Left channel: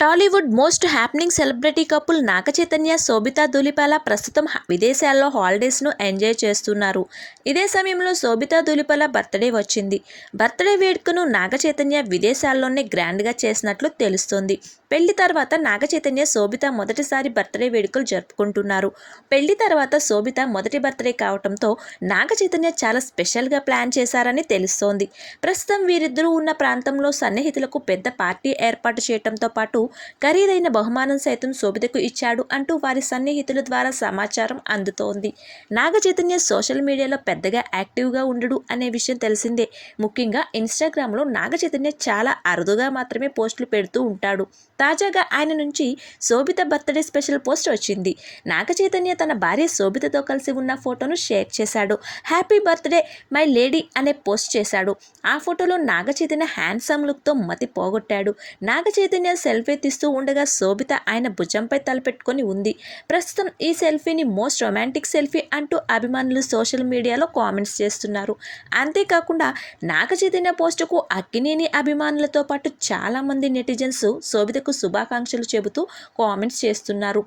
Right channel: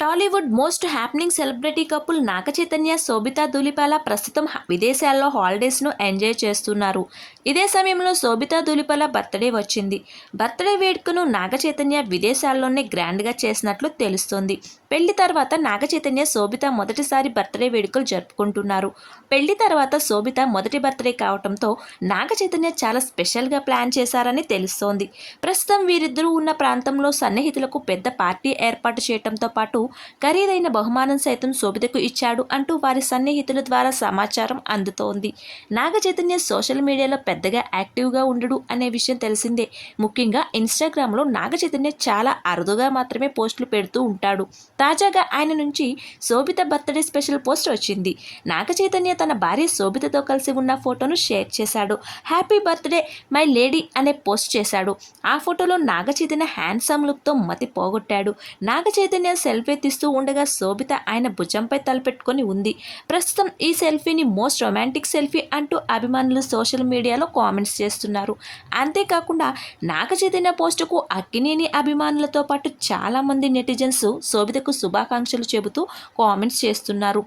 Tollywood most happening celebrity couple Naga Chaitanya Sobhita Dhulipala ప్రస్తుతం విదేశాల్లో హాలిడేస్ను ఎంజాయ్ చేస్తున్నారు. ఇదే సమయంలో శోభితా దులిపాల బర్త్డే వచ్చింది. బర్త్డే వేడుకను నాగ చైతన్య విదేశాల్లోనే గ్రాండ్గా చేసినట్లు తెలుస్తోంది. పెళ్ళి తర్వాత నాగ చైతన్య శోభిత మొదటిసారి బర్త్డే వేడుకలు జరుపుకుంటున్నారు. పెళ్ళి తర్వాత శోభిత మొదటి బర్త్డే కావడంతో నాగ చైతన్య చాలా స్పెషల్గా ప్లాన్ చేశారని తెలుస్తోంది. ప్రస్తుతం వీరిద్దరూ ఉన్న ప్రాంతంలో సన్నిహితులకు పెద్ద పార్టీ ఏర్పాటు చేయడంతో పాటు ఖరీదైన బహుమానం సైతం శోభితకు ఇచ్చాడు అంటూ వారి సన్నిహితుల ద్వారా సమాచారం అందుతోంది. నాగచైతన్య సోషల్ మీడియాలో పెద్దగా యాక్టివ్గా ఉండడు అనే విషయం తెలిసిందే. ముఖ్యంగా ఇన్స్టాగ్రామ్లో నాగచైతన్య చాలా అరుదుగా మాత్రమే పోస్టులు పెడుతూ ఉంటాడు. తాజాగా ఆయన నుంచి శోభిత బర్త్డే స్పెషల్ పోస్ట్ వచ్చింది. నాగచైతన్య తన భార్య శోభితతో కలిసి ఉన్న ఫోటోను షేర్ చేశాడు. హ్యాపీ బర్త్డే మై లేడీ అనే పోస్ట్ చేశాడు. ఆ ఫోటోలో నాగచైతన్య హ్యాండ్సమ్ లుక్తో మతి పోగొట్టాడు. నాగ చైతన్య సెల్ఫీ తీస్తూ ఉండగా శోభిత ఆయన భుజంపై తలపెట్టుకొని ఉంది. ప్రస్తుతం ఈ సెల్ఫీని మోస్ట్ రొమాంటిక్ సెల్ఫీ అంటూ అభిమానులు సోషల్ మీడియాలో కామెంట్స్ చేస్తున్నారు. అంతేకాకుండా నాగ చైతన్య పోస్టుకు అక్కినేని అభిమానులతో పాటు చాలామంది నెటిజన్స్ శోభితకు శుభాకాంక్షలు చెబుతూ కామెంట్స్ చేస్తున్నారు.